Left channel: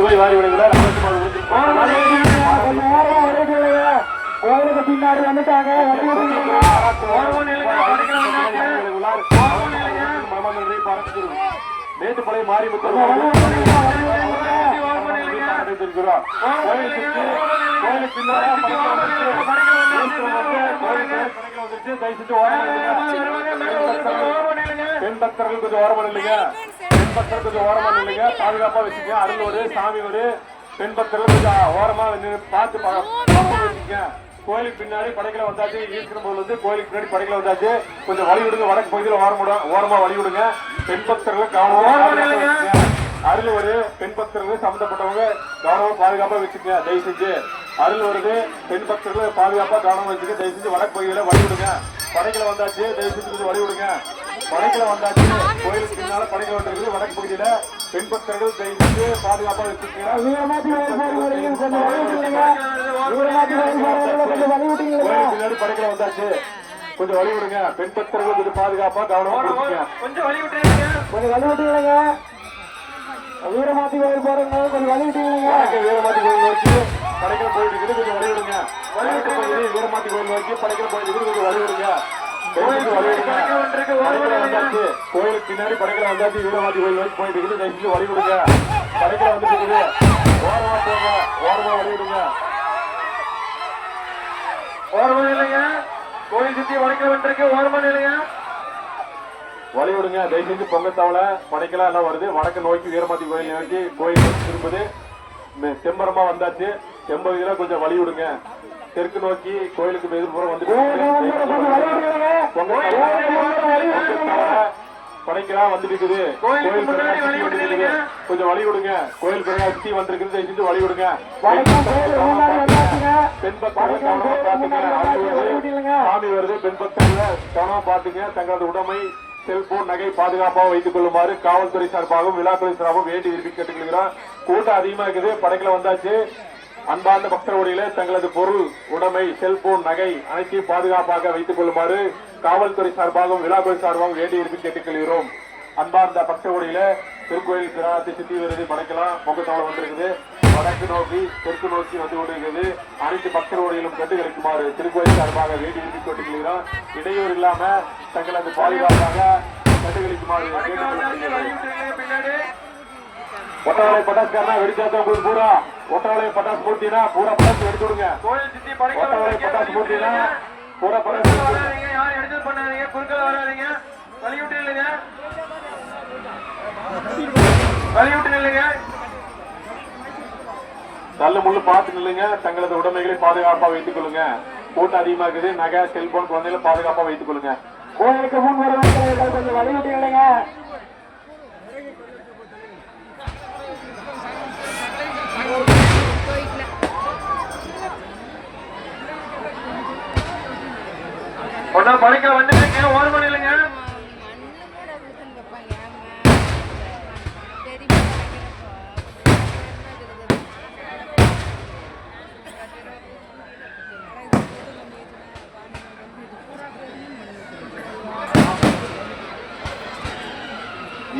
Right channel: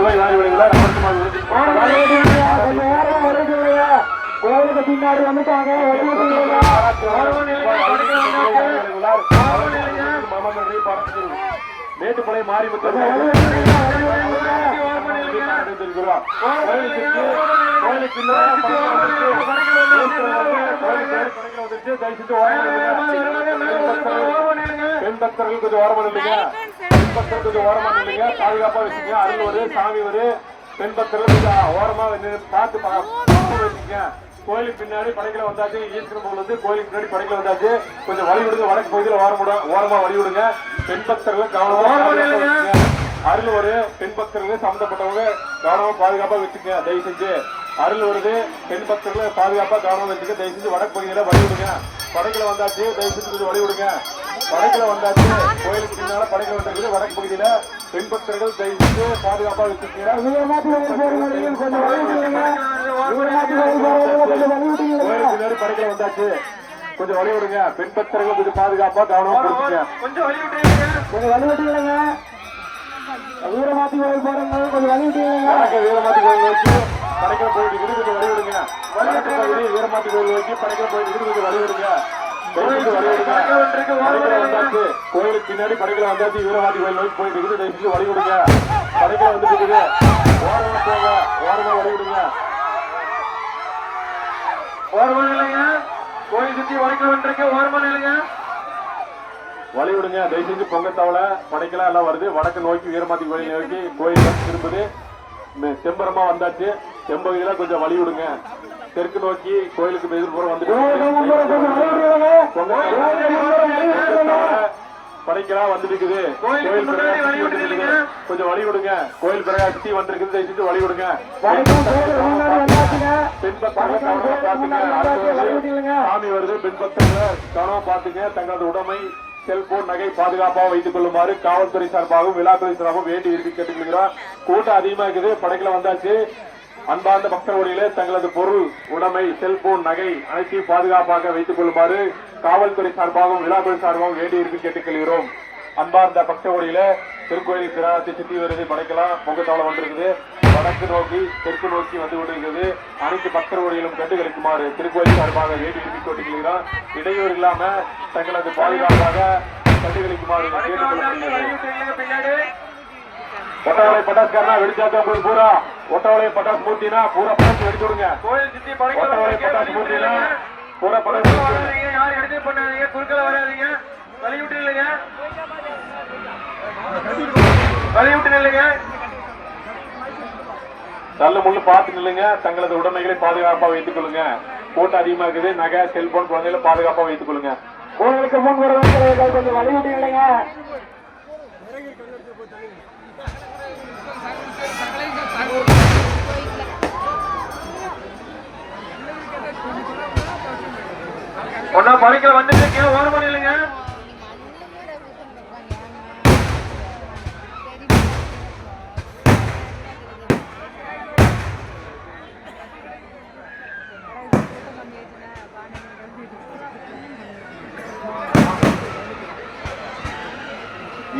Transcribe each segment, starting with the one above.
ரூபாய் வாரி விடுகிறார். கோவிலுக்கு பின்னாடி வந்துட்டாங்க. மேட்டுப்படை மாறி பெண் பக்தர்கள் கொஞ்சம் ஓரமா இல்லைங்க. பெண் பக்தர்கள் கொஞ்சம் ஓரமா இல்லைங்க. பாதுகாப்பா வச்சுங்க. அருள் ஒரு சாமி ஒரு பெண் பக்தர்கள் கொஞ்சம் ஓரமா பார்த்து வச்சுங்க. கோயிலுக்கு பின்னாடி படைகளை வந்தாச்சு. ஈஸ்வரன் போல வந்து கோயிலுக்கு பின்னாடி படைகளை வந்தாச்சு. கொஞ்சம் வழி விடுங்க. வடக்கு பகுதியில் ஓரமா வழி விடுங்க. பெண் பக்தர்கள் கவனமா அருள் ஒரு பெண் பக்தர்கள் சம்பந்தப்பட்டவங்க கவனமா பாதுகாப்பா வச்சுக்க. தயவு செஞ்சு அருள் வருது. பெண் பக்தர்கள் பாதுகாப்பா கவனமா வச்சுக்க. தயவு செஞ்சு வடக்கு பகுதியில வழி விடுங்க. படைகளை வந்தாச்சு. தயவு செஞ்சு கொஞ்சம் வழி விடுங்க. படைகளை வந்தாச்சு. கோயிலுக்கு பின்னால படைகள் வந்திருக்கு. வடக்கு பகுதியில பெண் பக்தர்கள் தயவு செஞ்சு பாதுகாப்பா வச்சுக்கீங்க. பின்னாடி படைகளை வந்தாச்சு. கொஞ்சம் வழி விடுங்க. பெண் பக்தர்கள் கொஞ்சம் பாதுகாப்பா கவனமா கொடுத்துங்க. கொஞ்சம் வழி விட்டுங்க. வீரமாத்தி கோயில் போறவங்க கொஞ்சம் வழி விட்டுங்க. வீரமாத்தி கோயில் நோக்கி படைகளை போயிட்டு கொஞ்சம் வழி விடுங்க. வீரமாத்தி கோயில் நோக்கி படைகளை போயிட்டு கொஞ்சம் வழி விடுங்க. கோயிலுக்கு பின்னாடி படைகளை வந்தாச்சு. வீரமாத்தி கோயில் நோக்கி போயிட்டு இருக்குது. வழி விடுங்க. படைகளை வந்துட்டு ஓரமா போங்க. ஓரமா வழி விடுங்க. ஓரமா இல்லைங்க. கோயில் சுத்தி வடக்கு வந்துருக்கு. ஓரமா இல்லைங்க. வழி விடுங்க. தயவு செஞ்சு பொங்கத்தாவல படைக்கலாம் எல்லாம் வருது. வடக்கு நோக்கி வீரமாத்தி கோயில் நோக்கி கோயில் திரும்புது. செம்பரமா வந்தாச்சு. செம்பகுதியில கொஞ்சம் வழி விடுங்க. தெற்கு நோக்கி கோயிலுக்கு எதிர்ப்புறம் வந்துட்டு படைக்கலாம் வந்துட்டு இருக்குது. கோயில் கொஞ்சம் வழி விடுங்க. கோயில் பிரகாசி வந்திருக்குது. தயவு செஞ்சு வழி விடுங்க. பெண் பக்தர்கள் சாமி வருது. பெண் பக்தர்கள் கவனமா பாத்துங்க. தங்களது உடைமை செல்போன் நகை பாதுகாப்பாக வைத்துக் கொள்ளுமாறு காவல்துறை சார்பாகவும் விழாத்துறை சார்பாகவும் வேண்டி விரும்பி கேட்டுக்கொள்கிறோம். கூட்டம் அதிகமா இருக்குது. படைகளை வந்தாச்சு. அன்பார்ந்த பக்தர்களிலே தங்களது பொருள் உடைமை செல்போன் நகை அனைத்தையும் பாதுகாப்பாக வைத்துக் கொள்ளுமாறு காவல்துறை சார்பாகவும் விழாத்துறை சார்பாகவும் வேண்டி விரும்பி கேட்டுக்கொள்கிறோம். அன்பார்ந்த பக்தர்களில திருக்கோயில் கிராமத்தை சுற்றி வருது. படைக்கலாம் பொங்கத்தாவளம் வந்திருக்குது. வடக்கு நோக்கி தெற்கு நோக்கி வந்து கொண்டிருக்கிறது. அனைத்து பக்தர்களிலும் கண்டுகளிக்குமாறு திருக்கோயில் சார்பாக வேண்டி விரும்பி கேட்டுக்கொள்கிறோம். இடையூறு இல்லாம தங்களது பாதுகாப்பாக கண்டுகளிக்குமாறு ஒட்டவளை பட்டாசுக்காரனா வெடிச்சாத்தா உங்களுக்கு பூரா ஒட்டவளை பட்டாசு மூர்த்தினா பூரா பட்டாசு வெடிச்சு விடுங்க. ஒட்டவளை பட்டாசு மூர்த்தினா பூரா பட்டாசு யாரும் எடுத்து பண்ணாதீங்க. குறுக்கல வராதீங்க. வழி விட்டு இல்லைங்க. வழி விட்டு இல்லைங்க. நல்ல முள்ளு பார்த்து நில்லுங்க. தங்களது உடைமைகளை பாதுகாப்பா வைத்துக் கொள்ளுங்க. கூட்டம் அதிகமா இருக்குது. நகை செல்போன் குழந்தைகளை பாதுகாப்பா வைத்துக் கொள்ளுங்க. கோயிலுக்கு முன் வரவங்க கொஞ்சம் வழி விட்டு இல்லைங்க. ஒன்னா படைக்கல வந்துட்டு ஓரமா இல்லைங்க.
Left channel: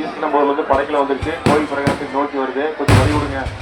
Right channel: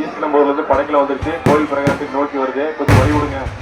ஈஸ்ட் நம்பர்ல இருந்து படைக்கல வந்துருச்சு. கோயில் பிரகாரத்துக்கு நோக்கி வருது. கொஞ்சம் வழி விடுங்க.